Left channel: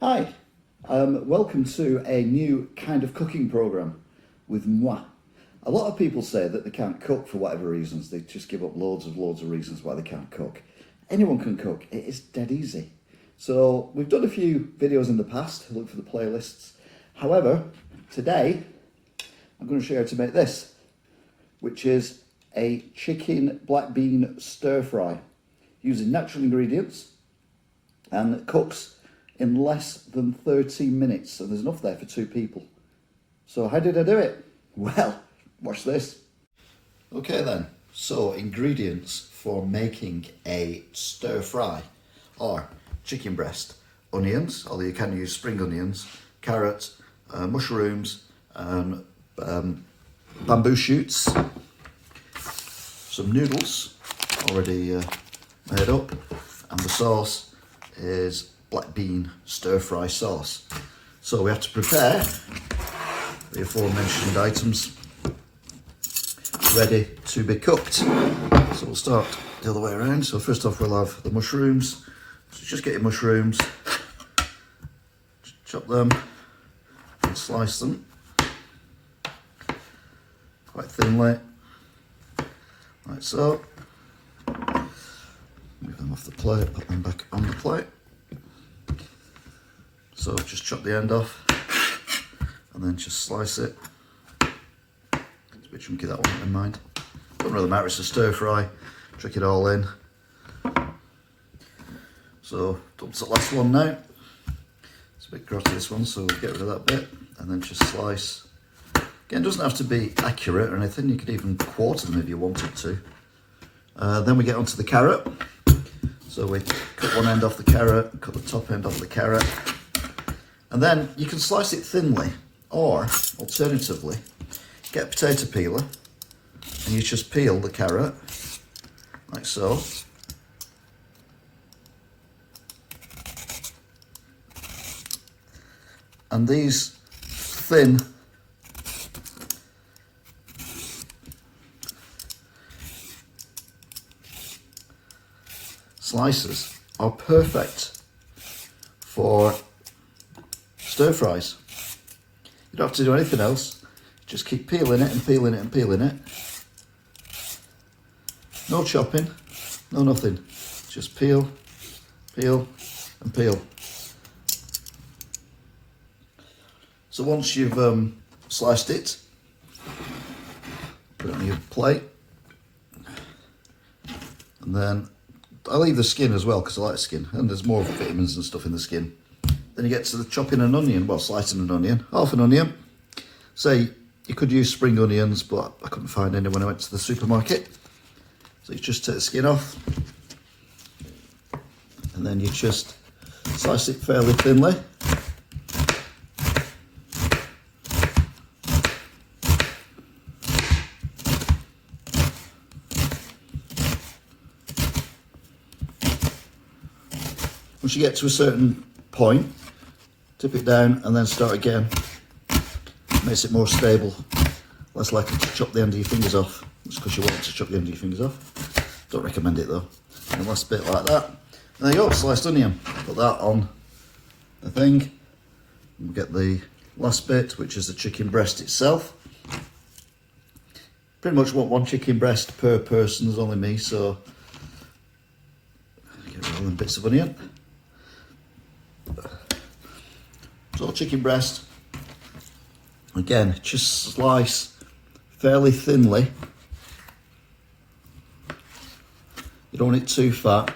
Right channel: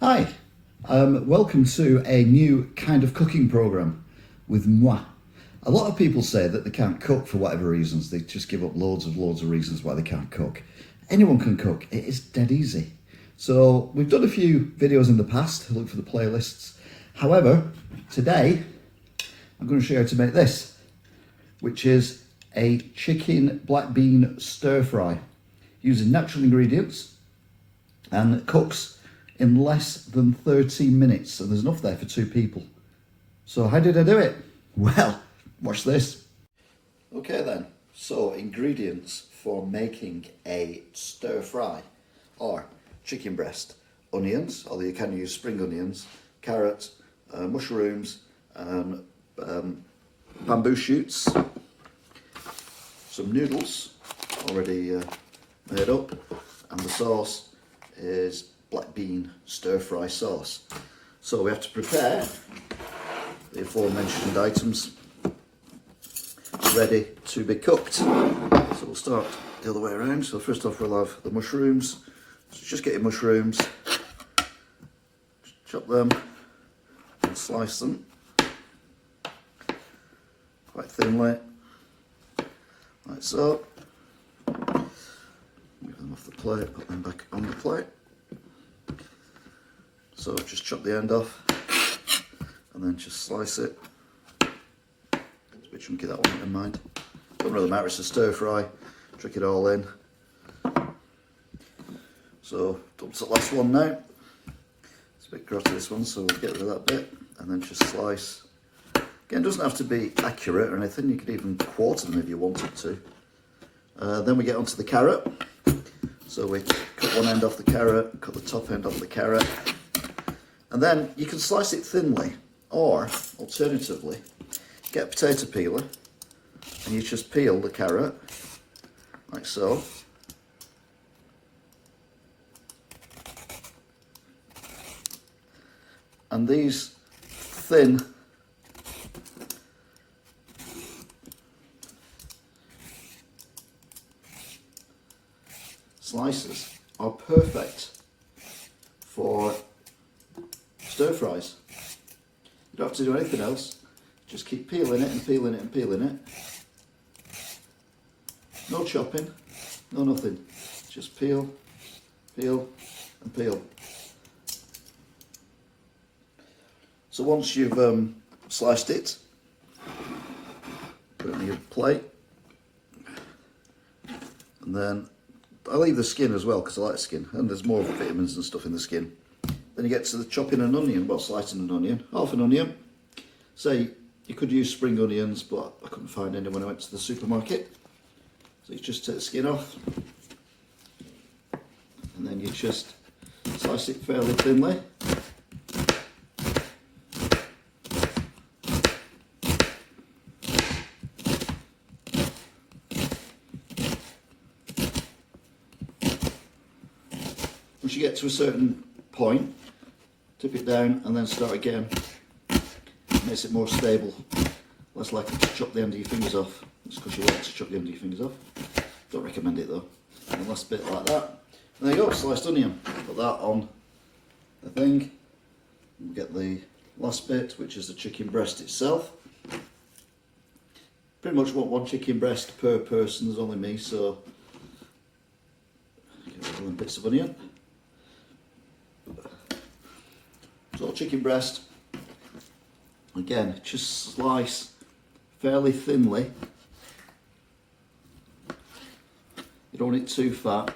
Hi, welcome to a new kind of cooking program with moi. A lot of people say that they can't cook for whatever reasons. They just give up loads of reasons why they can't cook. Anyone can cook. It is dead easy. So we've done a few videos in the past. Look for the playlists. However, today I'm going to show you how to make this, which is a chicken black bean stir fry using natural ingredients, and it cooks in less than 30 minutes. So there's enough there for two people. So how did I do it? Well, watch this. Okay then, so ingredients for making a stir fry are chicken breast, onions, although you can use spring onions, carrot, mushrooms, bamboo shoots, some noodles already made up, and the sauce is black bean stir fry sauce. So we have to prepare the aforementioned items ready to be cooked. So we'll start the other way around. So first off we'll have the mushrooms. So just get your mushrooms, chop them and slice them quite thinly, like so. Move them off the plate, put them back on the plate. So just chop the end off and then just slice it. It's a bit chunky, that one, in mind. Doesn't really matter, it's a stir fry. Trick it all in. So up to the last one now. It's a bit grotty, this one, so we'll get rid of that bit and then just slice. Again, it doesn't have to be accurate or anything, you could even quarter them if you wanted to. Then we get onto the carrot. So we cut one end off the carrot, cut the top end off the carrot. And then you can slice it thinly, or alternatively, get a potato peeler and you just peel the carrot, like so. And these thin slices are perfect for stir fries. You don't have to do anything else. Just keep peeling it and peeling it and peeling it. No chopping, no nothing. Just peel, peel and peel. So once you've sliced it, put it on your plate. And then I leave the skin as well because I like skin, and there's more vitamins and stuff in the skin. Then you get to the chopping an onion, well, slicing an onion, half an onion. Say, you could use spring onions, but I couldn't find any when I went to the supermarket. So you just take the skin off, and then you just slice it fairly thinly. Once you get to a certain point, tip it down and then start again. Makes it more stable, less likely to chop the end of your fingers off. That's because you want to chop the end of your fingers off. Don't recommend it though. And the last bit like that. And there you go, sliced onion. Put that on the thing. And we get the last bit, which is the chicken breast itself. Pretty much want one chicken breast per person. There's only me, so get rid of all them bits of onion. So chicken breast, again, just slice fairly thinly. You don't want it too fat.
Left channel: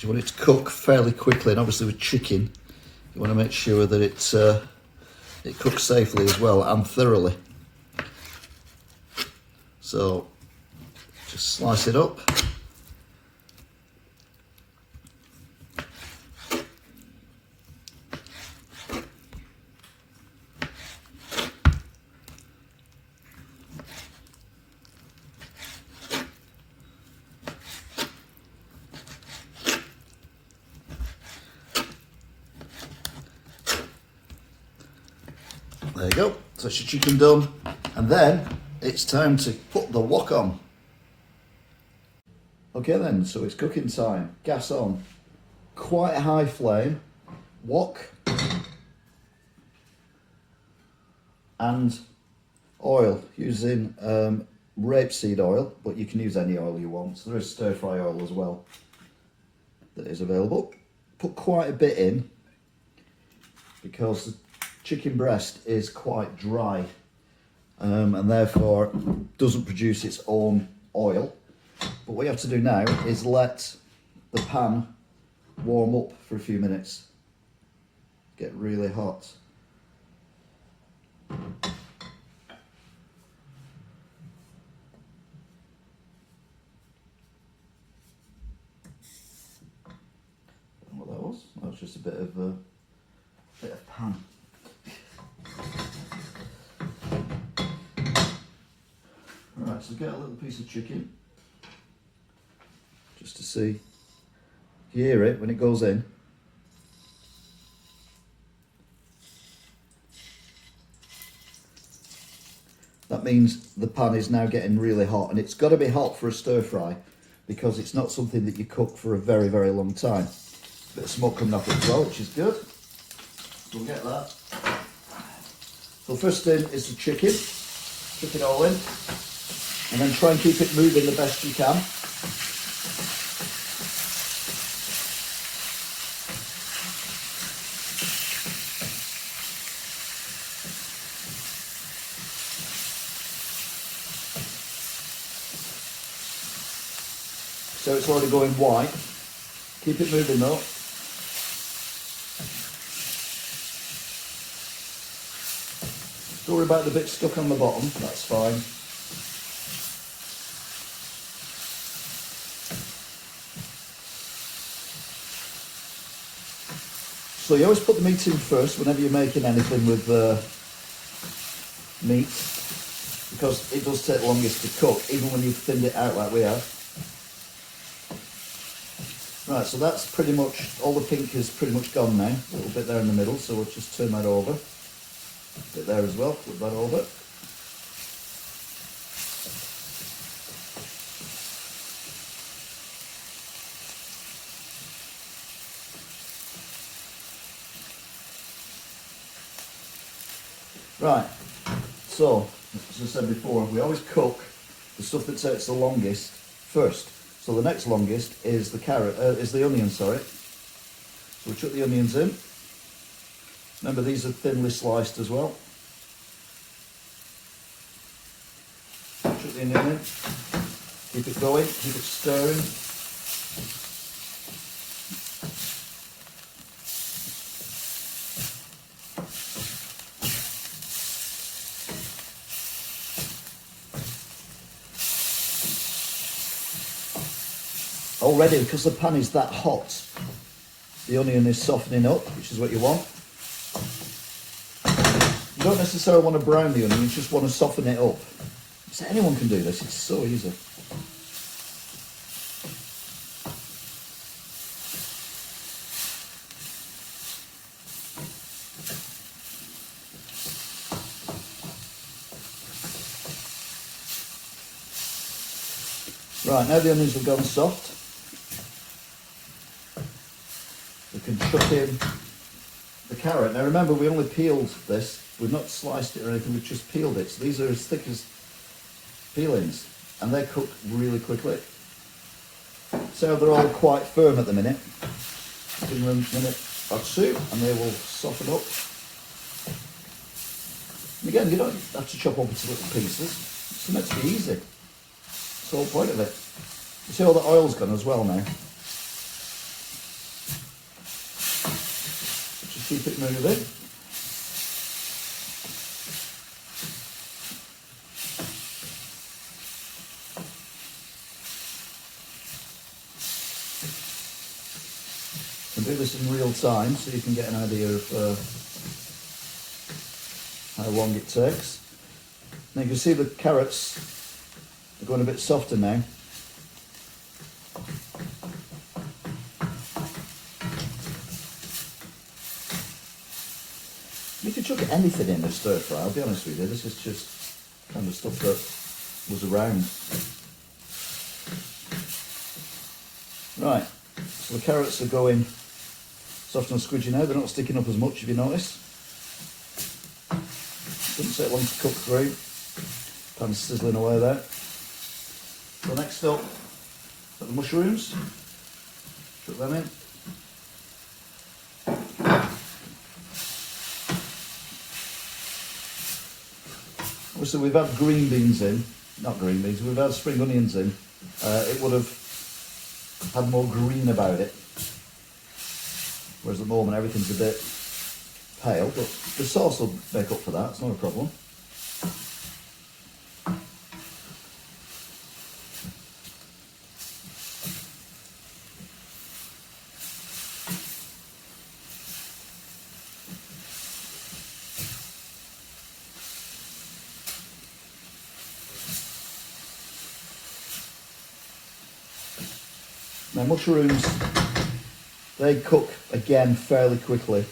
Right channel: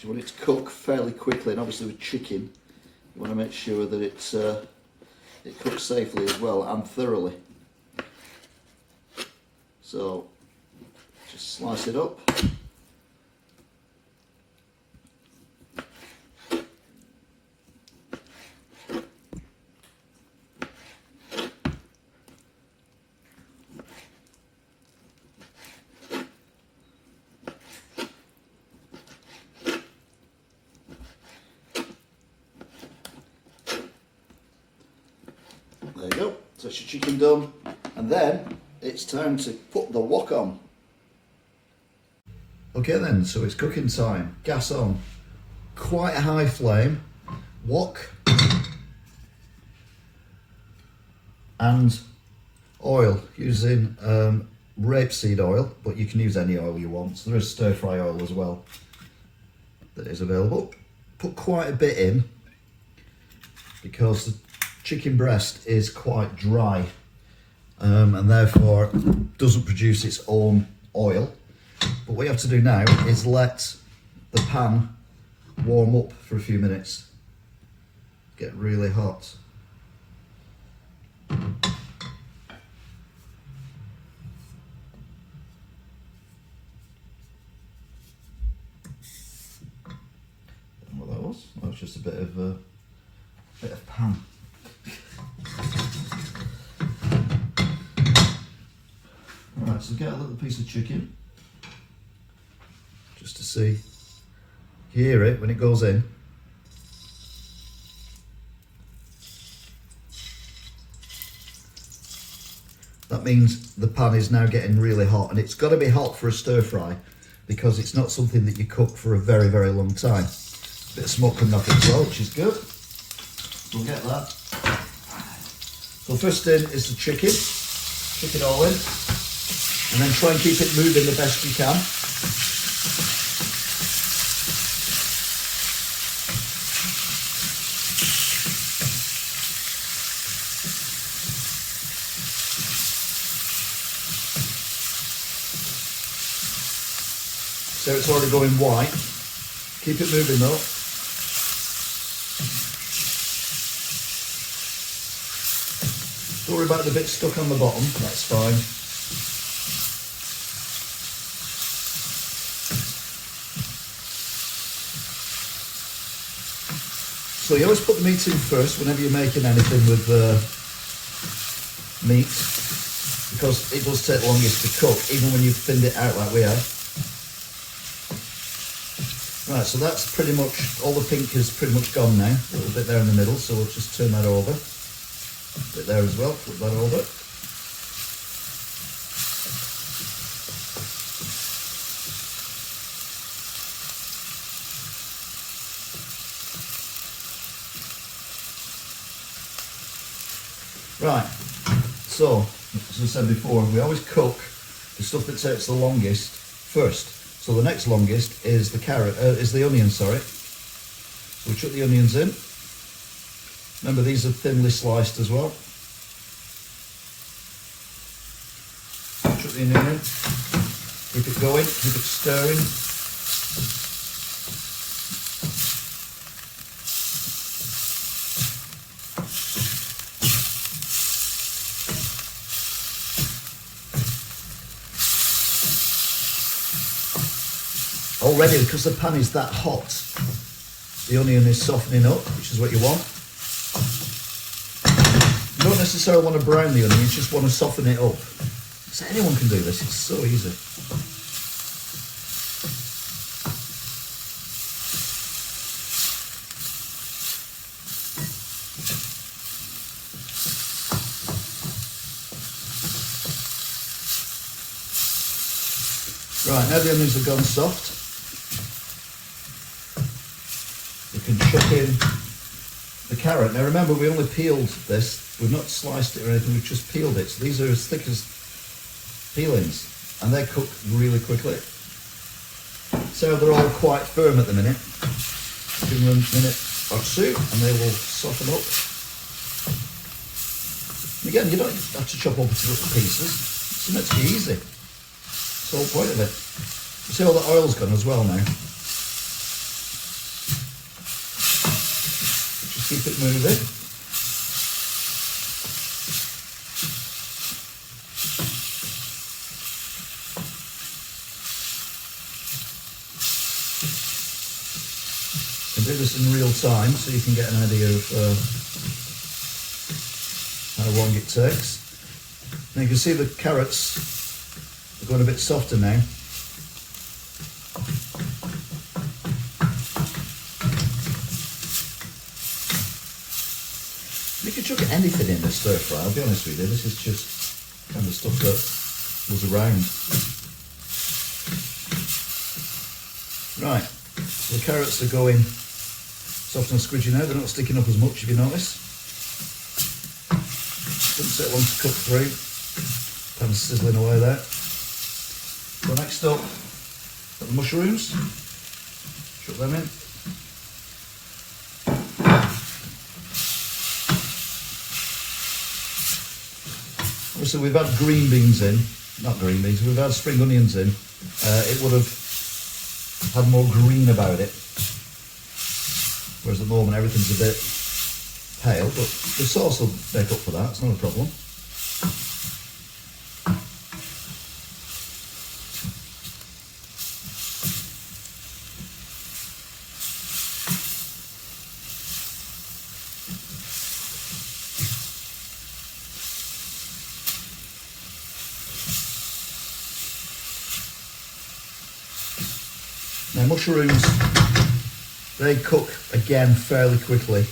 You want it to cook fairly quickly, and obviously with chicken, you want to make sure that it cooks safely as well and thoroughly. So just slice it up. There you go, so that's your chicken done. And then it's time to put the wok on. Okay then, so it's cooking time. Gas on, quite a high flame, wok, and oil using rapeseed oil, but you can use any oil you want. So there is stir fry oil as well that is available. Put quite a bit in because the chicken breast is quite dry and therefore doesn't produce its own oil. But what you have to do now is let the pan warm up for a few minutes, get really hot. What that was? That was just a bit of pan. Right, so get a little piece of chicken, just to see. You hear it when it goes in. That means the pan is now getting really hot, and it's got to be hot for a stir fry because it's not something that you cook for a very, very long time. A bit of smoke coming off it as well, which is good. We'll get that. So first in is the chicken. Kick it all in, and then try and keep it moving the best you can. So it's already going white. Keep it moving though. Don't worry about the bit stuck on the bottom, that's fine. So you always put the meat in first whenever you're making anything with meat, because it does take longest to cook, even when you've thinned it out like we have. Right, so that's pretty much, all the pink is pretty much gone now. A little bit there in the middle, so we'll just turn that over. A bit there as well, flip that over. Right, so, as I said before, we always cook the stuff that takes the longest first. So the next longest is the onion, sorry. So we chuck the onions in. Remember, these are thinly sliced as well. Chuck the onion in. Keep it going, keep it stirring. Already, because the pan is that hot, the onion is softening up, which is what you want. You don't necessarily want to brown the onion, you just want to soften it up. So anyone can do this, it's so easy. Right, now the onions have gone soft, we can chuck in the carrot. Now remember, we only peeled this, we've not sliced it or anything, we've just peeled it. So these are as thick as peelings, and they cook really quickly. So they're all quite firm at the minute. Give them a minute or two and they will soften up. And again, you don't have to chop up into little pieces, it's meant to be easy. That's the whole point of it. You see all the oil's gone as well now. Just keep it moving. You can do this in real time so you can get an idea of how long it takes. Now you can see the carrots are going a bit softer now. You could chuck anything in a stir fry, I'll be honest with you, this is just kind of stuff that was around. Right, so the carrots are going Soft and squidgy now, they're not sticking up as much if you notice. Doesn't take long to cook through. Pan's sizzling away there. So next up, got the mushrooms. Chuck them in. Obviously we've had green beans in, not green beans, we've had spring onions in. It would have had more green about it. Whereas at the moment everything's a bit pale, but the sauce will make up for that, it's not a problem. Now mushrooms, they cook again fairly quickly.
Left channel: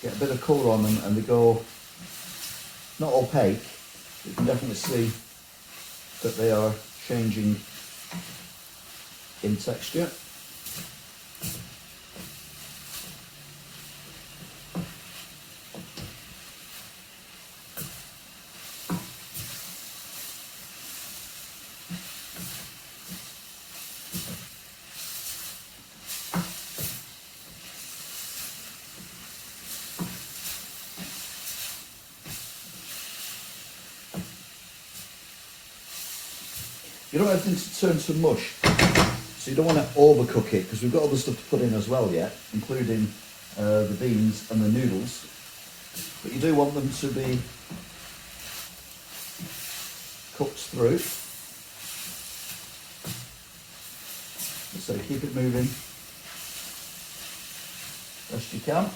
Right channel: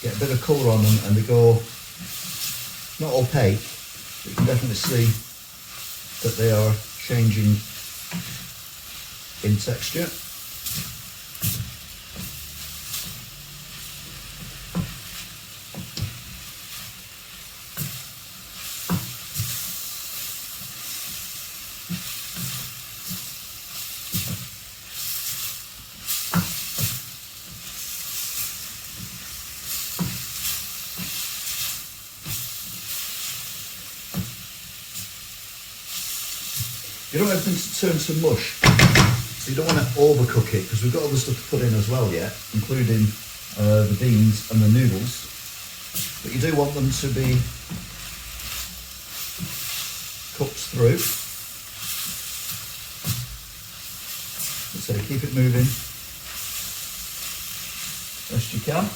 Get a bit of colour on them and they go not opaque, but you can definitely see that they are changing in texture. You don't want everything to turn to mush, so you don't want to overcook it because we've got other stuff to put in as well yet, including the beans and the noodles. But you do want them to be cooked through. So keep it moving best you can.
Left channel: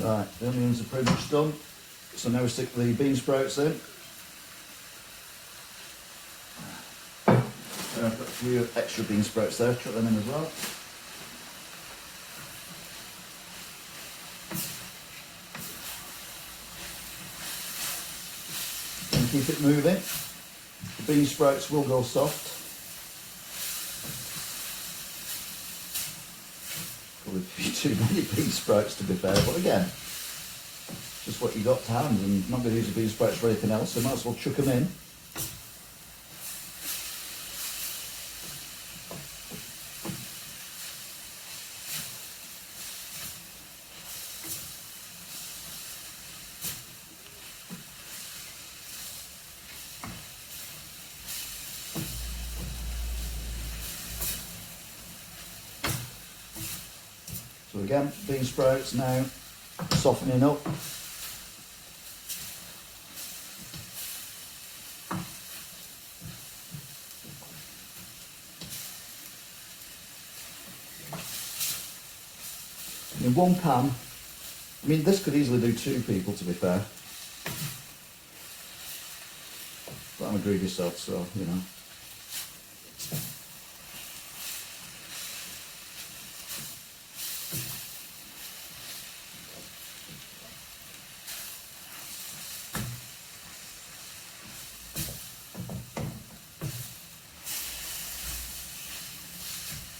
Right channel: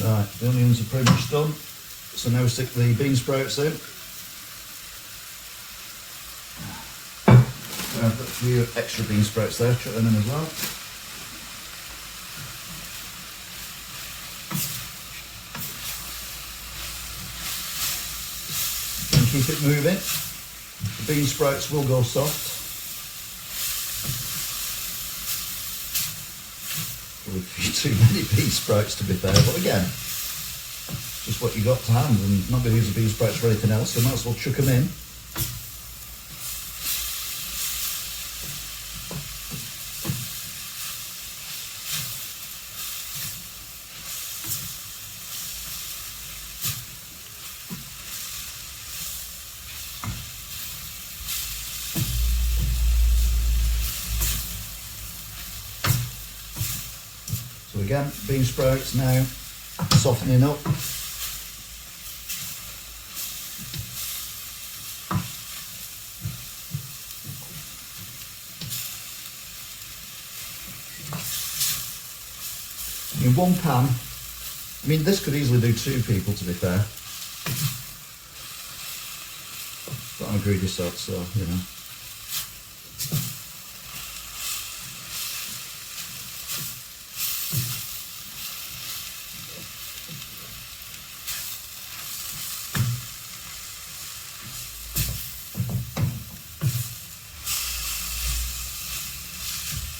Right, the onions are pretty much done, so now we stick the bean sprouts in. I've got a few extra bean sprouts there, chuck them in as well. And keep it moving. The bean sprouts will go soft. Probably too many bean sprouts to be fair, but again, just what you got to hand, and not going to use the bean sprouts for anything else, so might as well chuck them in. So again, bean sprouts now softening up. In one pan, I mean this could easily do 2 people to be fair. But I'm a greedy sod, so you know.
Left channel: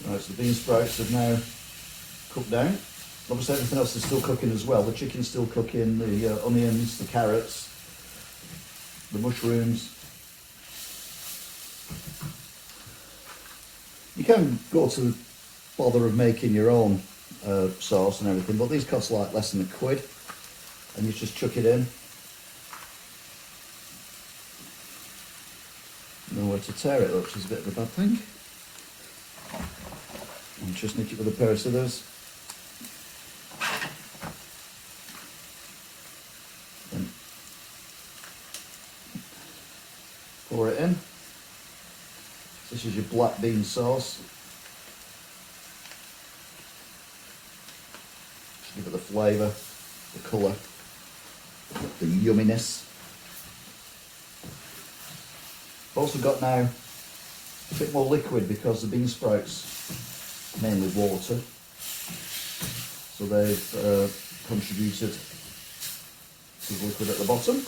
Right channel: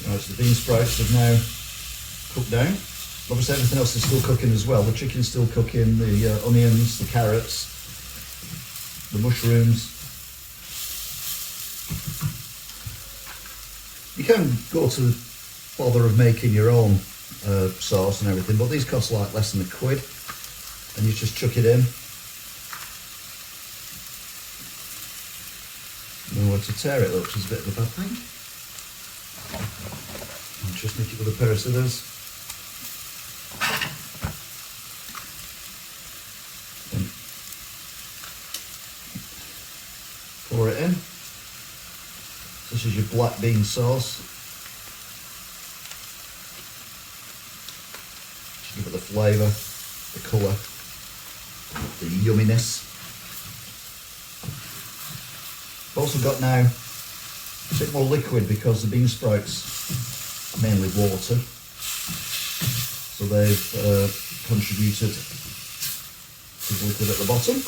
Right, so the bean sprouts have now cooked down. Obviously everything else is still cooking as well. The chicken's still cooking, the onions, the carrots, the mushrooms. You can go to the bother of making your own sauce and everything, but these cost like less than £1, and you just chuck it in. Nowhere to tear it up, which is a bit of a bad thing. And just nick it with a pair of scissors. And pour it in. This is your black bean sauce. Just give it the flavour, the colour, the yumminess. I've also got now a bit more liquid because the bean sprouts are mainly water, so they've contributed to the liquid at the bottom.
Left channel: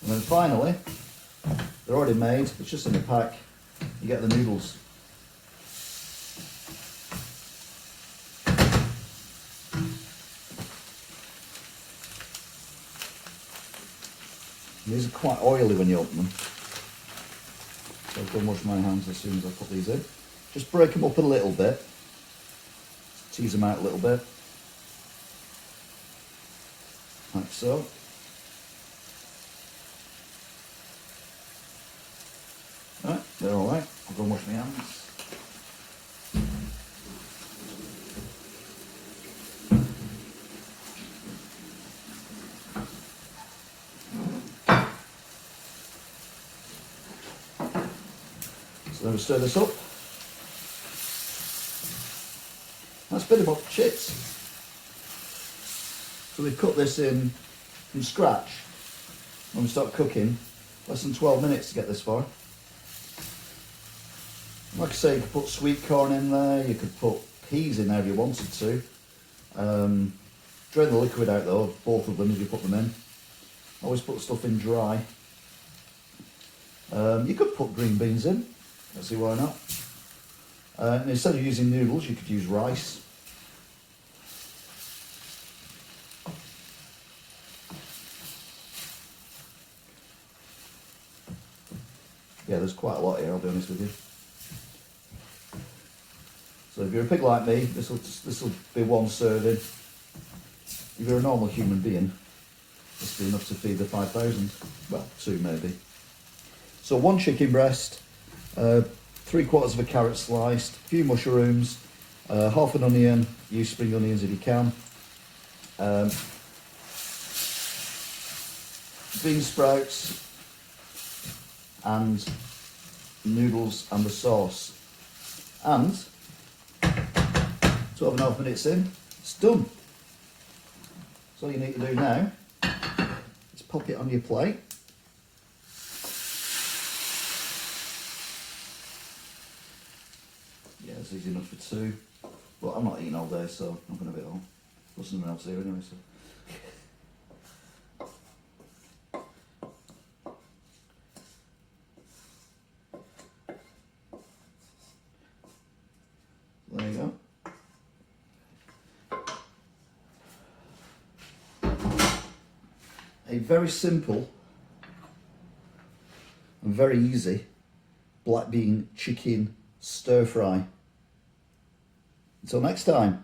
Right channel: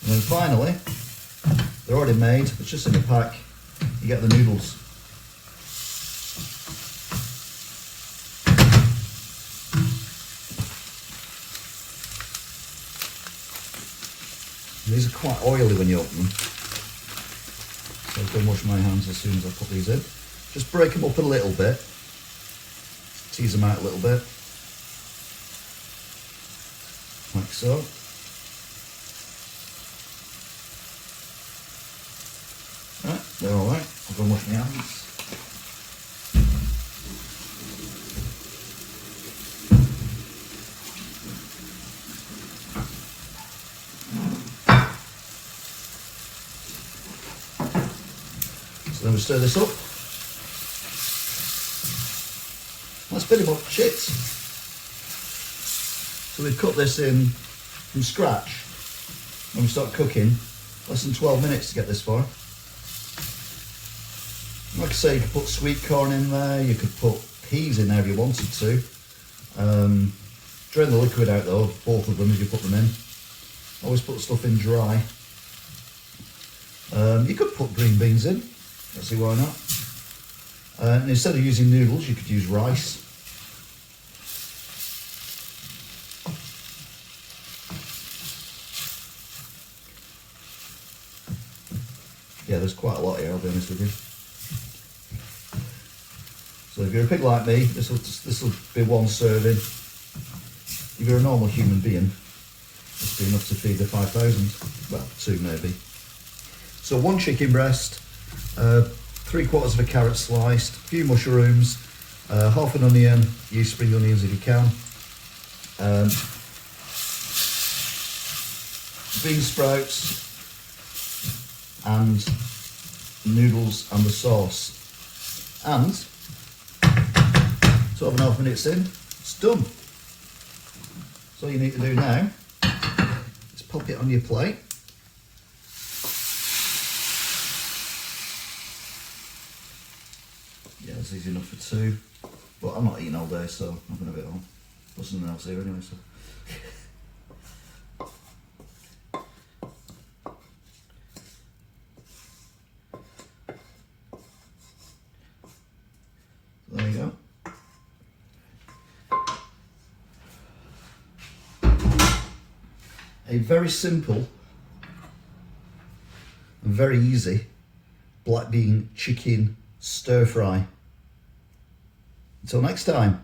And then finally, they're already made, but just in a pack, you get the noodles. And these are quite oily when you open them, so I'll go and wash my hands as soon as I put these in. Just break them up a little bit, tease them out a little bit, like so. Right, they're alright. I'll go and wash my hands. So then we stir this up. That's pretty much it. So we've cut this in from scratch. When we start cooking, less than 12 minutes to get this far. Like I say, you could put sweet corn in there, you could put peas in there if you wanted to. Drain the liquid out though, both of them as you put them in. Always put stuff in dry. You could put green beans in, let's see why not. And instead of using noodles, you could use rice. Yeah, there's quite a lot here, I'll be honest with you. So if you're a pig like me, this will be one serving. If you're a normal human being, this will be enough to feed the 5,000. Well, 2 maybe. So 1 chicken breast, 3/4 of a carrot sliced, a few mushrooms, half an onion, use spring onions if you can, bean sprouts, and noodles and the sauce. And 12.5 minutes in, it's done. So all you need to do now is pop it on your plate. Yeah, it's easy enough for 2. But I'm not eating all day, so I'm going to be home. There's something else here anyway, so. There you go. A very simple and very easy black bean chicken stir fry. Until next time.